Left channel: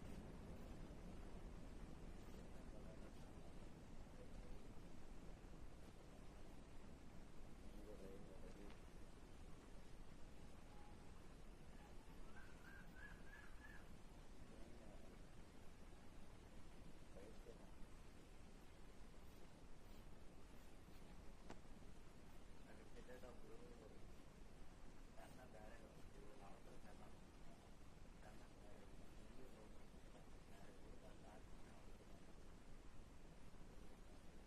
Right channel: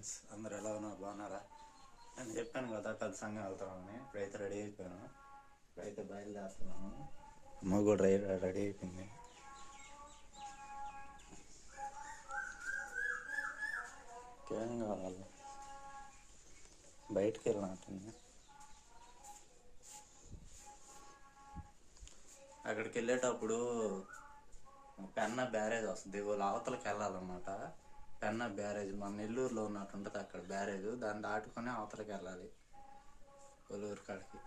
Friends అందరు ఎలా ఉన్నారు? బాగున్నారా? నేను చెప్పాను కదా కలిసంగా సంఘం వెళ్తామని ఇప్పుడైతే రెడీ అయిపోయాను. ఇప్పుడైతే బయలుదేరుతున్నాను. అమ్మ కూడా రెడీ రెడీ అయిపోయింది. ఏం కావాలి? బయటికి వెళ్ళినట్టుంది అక్కడికి వెళ్ళేటప్పుడు పెన్న బ్యారేజ్ వస్తుంది. వాళ్ళు అవతలకి వెళ్ళాలన్నమాట. పెన్న బ్యారేజ్ మన నెల్లూరులో ఉన్నట్టు ఉంటుంది అక్కడ బ్యారేజ్. దాన్ని దాటుకొని అవతలకి వెళ్ళాలి కొల్లూరు కాడికి.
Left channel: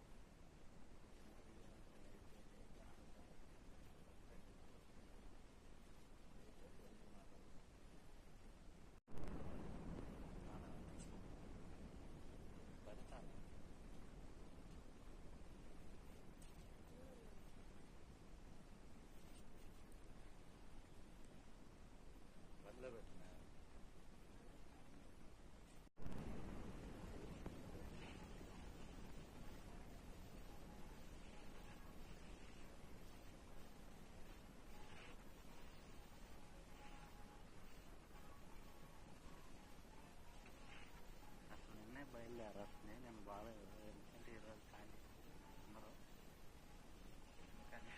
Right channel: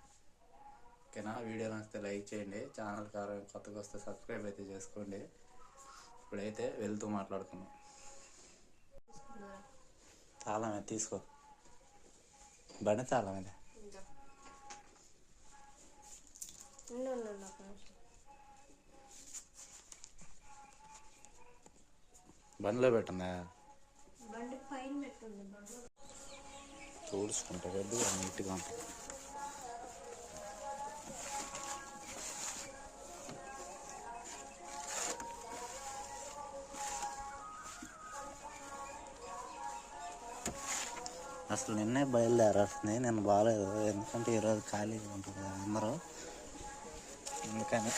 ఓకేనా? వీడియో నచ్చితే లైక్ చేయండి. ఛానల్ కారం కొత్తగా వస్తే సబ్స్క్రైబ్ అయితే చేసుకోండి. ఇప్పుడైతే వెళ్తూ మాట్లాడుకుందాం. తాళమే తీసుకో? బండి నిమిషం. బండిలో పెట్టందా బండి పైన పెట్టుంది బండి చూడుచుకుంటా నీట్గా ఉంటుంది అసలు నిన్నే బయలుదేరాల్సింది నేను బాగాలేదు ఎందుకంటే ఈరోజు ఖాళీగా ఉంటుంది అందరూ. ఎందుకని?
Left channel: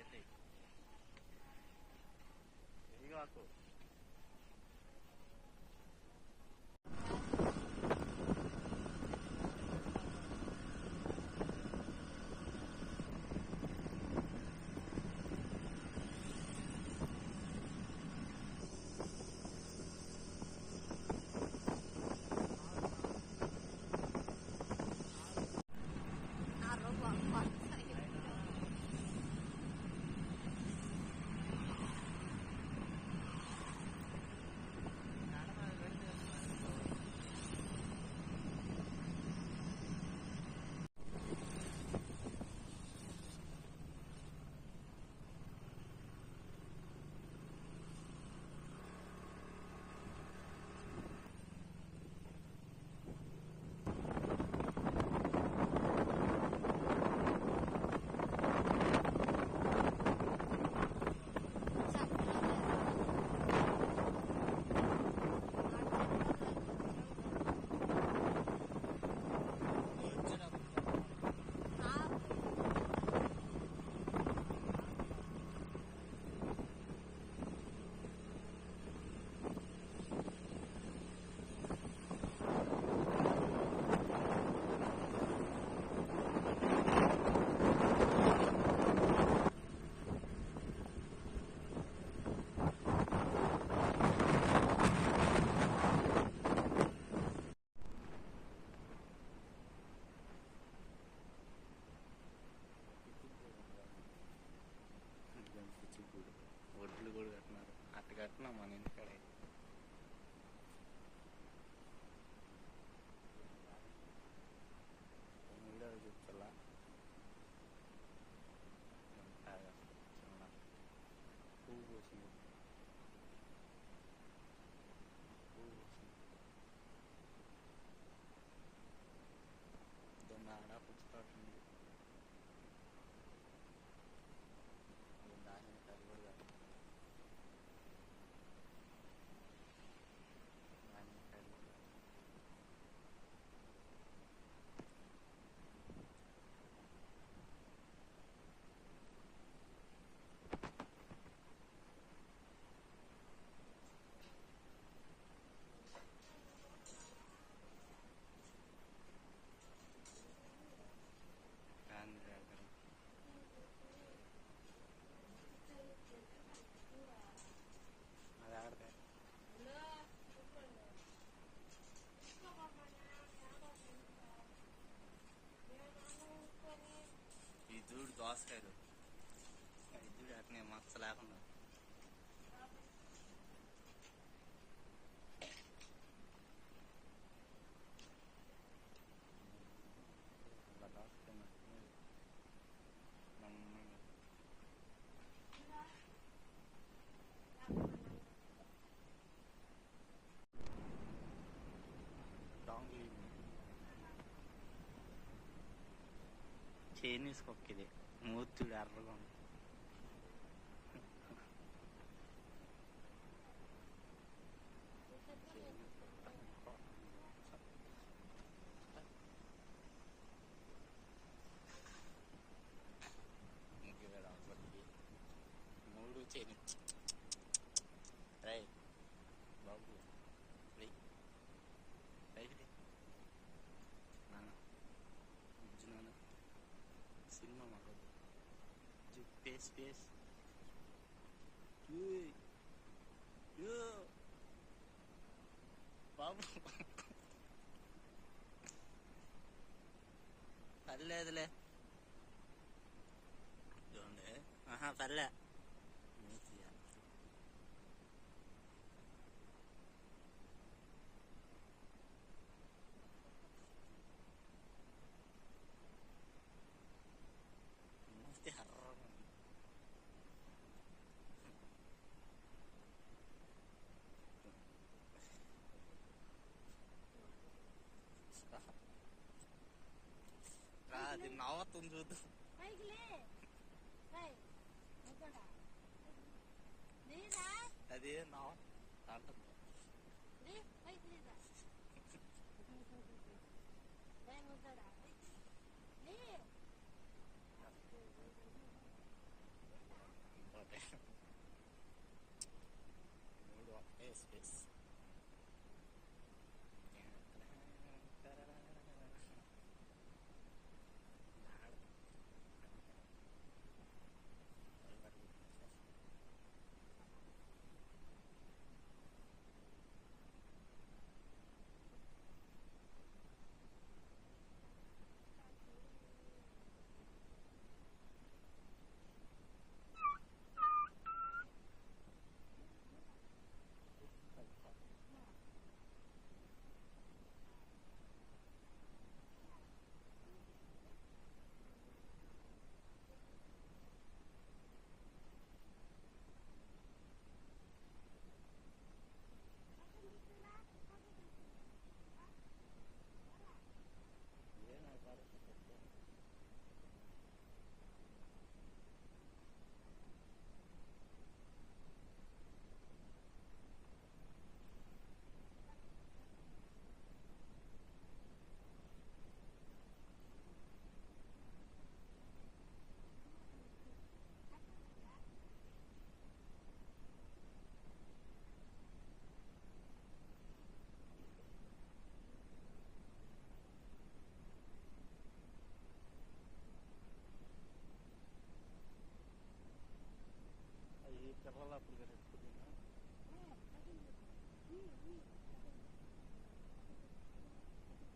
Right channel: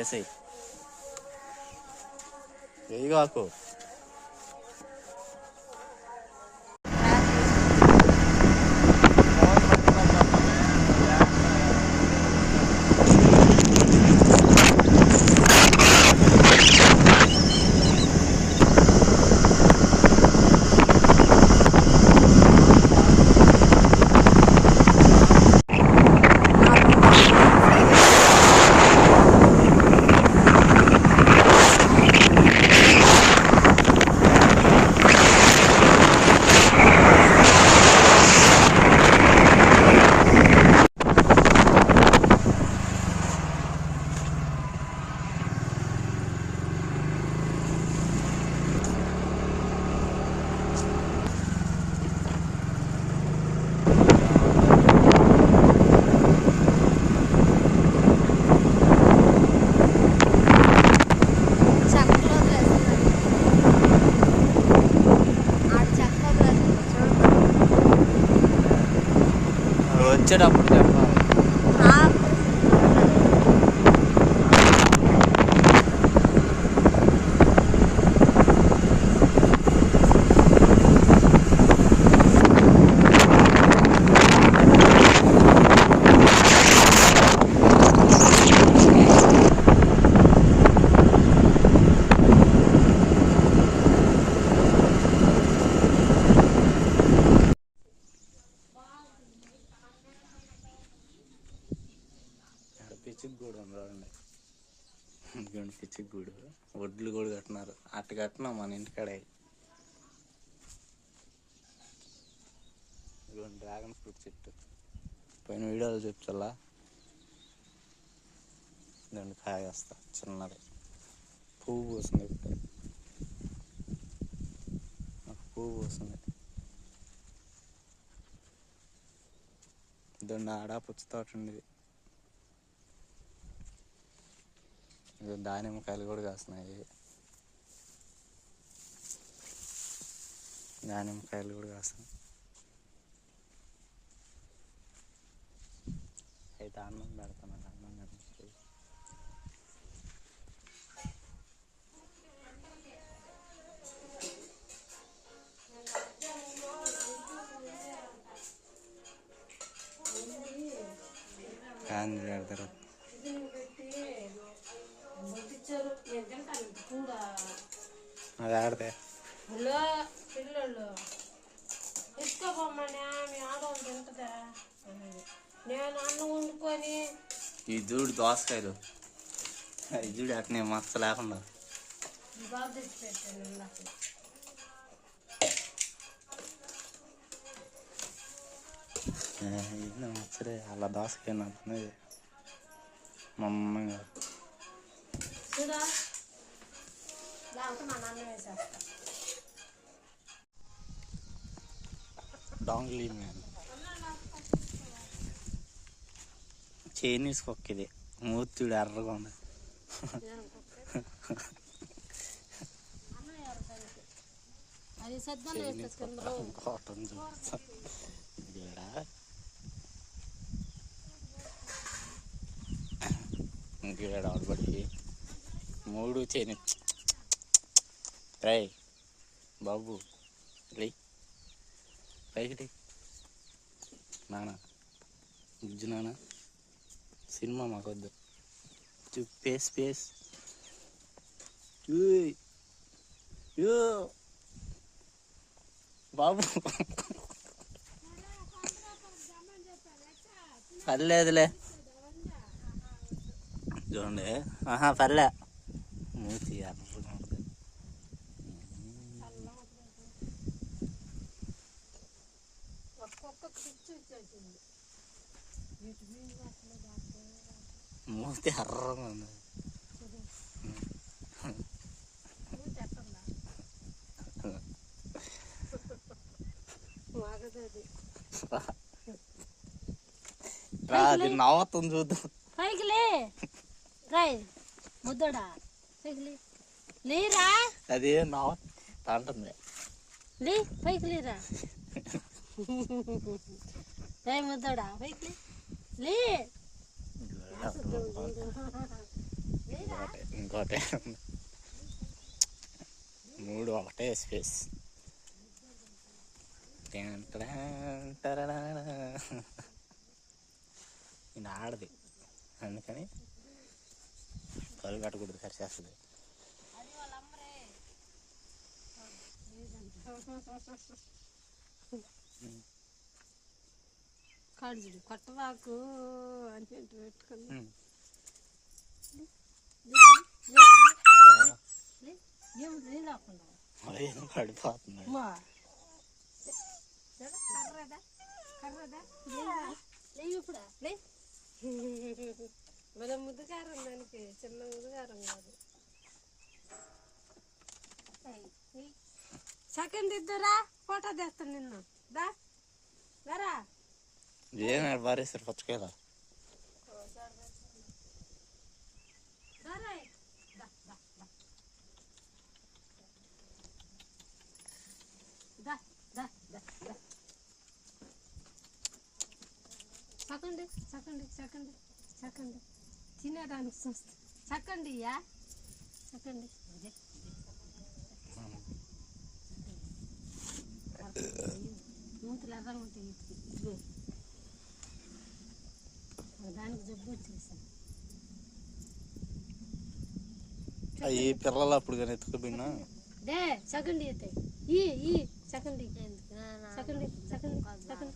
కదా అందరూ అందుకని వేసేయి వేయగాకు చెక్కలో చూడు. వచ్చేటప్పుడు ఇదిగోండి పిచ్చికి వడ్లు కూడా కట్టినారు. అట్ట కట్టినా మన ఇంటికాడే డ్రాగన్ ఫ్రూట్ చెట్టు. పోయిన వీడియోలో చెప్తలా దాన్ని కాయ వస్తా. చిన్నది. పువ్వు పోసింది ఇప్పుడు నాకు పువ్వు పోసింది. దాన్ని ఆడ పుచ్చ తోట ఉండేది ఇది దానిమ్మకాయలు కూడా కాస్తున్నాయి. దానిమ్మకాయలు కూడా కాస్తాయి అయితే అన్నం పెడతాను అన్నం పెడతాను. కాంది పెడతారు. అది ఆడితే హలో పిల్లలు ఎత్తుకోపోమ్మని మీ ఆడవాళ్ళు తింటుందా? అన్నది. నేను అన్నం వండుకొని. ఈ చూడు దోసకాయలు. ఈ చూడు అట్నే మచ్చ లేకుండా. ఇది మచ్చరే అలా దోసకాయ నచ్చింది మా డాంగ్లీ మ్యాన్ చైనీస్ కుక్క ఇది మూర్తుడు ఎర్రగా ఉంది కాటన్ చూస్తా ఇంకేడ ఆడబడి మూడు చైనీస్ రై బాబు లే పైకి. నానా బుజ్జు నానా సినిమా మాకొద్దు. చూ పేస్ పేస్. బాబు. పర్లేదులే. చూడండి. ఆహా పర్లే. మూతి ఎర్రగా మూతి ఎర్రగా ఉంది రా అది నవ్వుతుంది చూద్దాం పైకి లే రాయ్ ముద్దడా పైకి లే లేరా అది నవ్వు అంటుంది లే పైకి లేరా రే ముద్దడా పైకి లే లే ఇంకోటే మూడు ఒకటే స్పేస్. ఇది ఆడది అందుకని కళ్ళు కట్టకూడదు సరిచేస్తుంది కాడు చూడు కొట్టవాకు అని పెట్టుకుని ఏం లేకుండా ఏం పడిపోతుంది అమ్మా కర్రదా కర్రదా? లే ఇప్పుడు లే. మన ముద్దుగారం దానికి చిన్న ముద్దుగారం కాదు. సెకండ్ ఇద్దరా ఫోటో తెస్తాను నిన్ను. దా. దరా ఏం పారేస్తారు పచ్చకాయల దరా దా చక్కండి చక్కండి చక్కండి సెకండ్ సెకండ్ సెకండ్ తినేదానికి చూస్తే సెకండ్ యా సెకండ్ మూతులు ఎర్ర దానికి జబ్బు వచ్చేసాను ఈ పిల్లలు అప్పుడు కానీ ఎత్తుకుపోయినా? డే సెకండ్ అయితే ఈ ఈ సెకండ్ సెకండ్ సెకండ్ సెకండ్.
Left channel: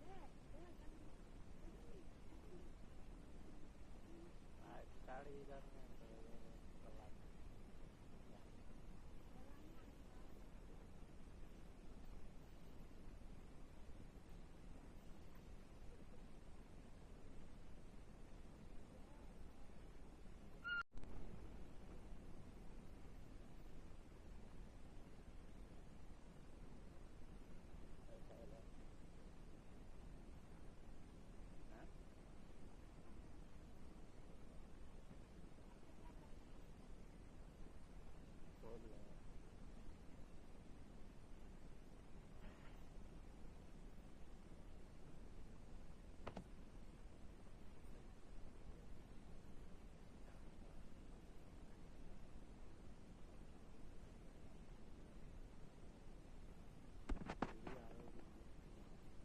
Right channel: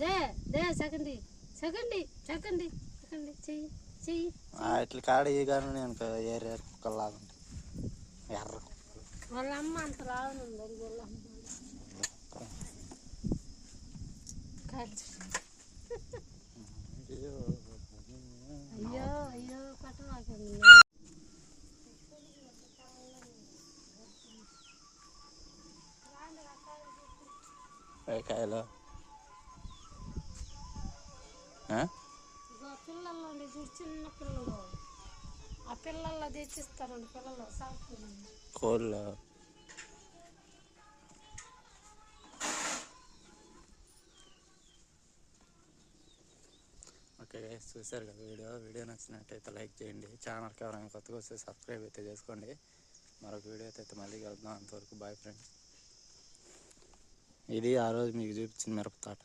దే దే సెకండ్ సెకండ్ సెకండ్ సెకండ్ చెయ్యి చెయ్యి వాటి కాడ ఈ కానీ నేను ఏరియా కుక్కలాగా ఎర్ర వాళ్ళ అమ్మ అంత రావనుంది వాళ్ళ అమ్మ. కాయలు? పిల్లలు చూడు చిన్న పిల్లలు. ఆ పిల్లల్లో తెచ్చిస్తారండి పిల్లలు సాగు పిల్లలు కోళ్ళు? గైస్ చూసారు కదా వీడియో. వీడియో నచ్చినట్టయితే లైక్ చేయండి. ఛానల్కి ఎవరైనా కొత్తగా వస్తే సబ్స్క్రైబ్ అయితే చేసుకోండి. మరొక వీడియో అయితే మళ్ళీ కలుద్దాం. అంతవరకు బాయ్ ఫ్రెండ్స్ ఇది ఆ రోజు మీకు చూపించిన మిరప తోట.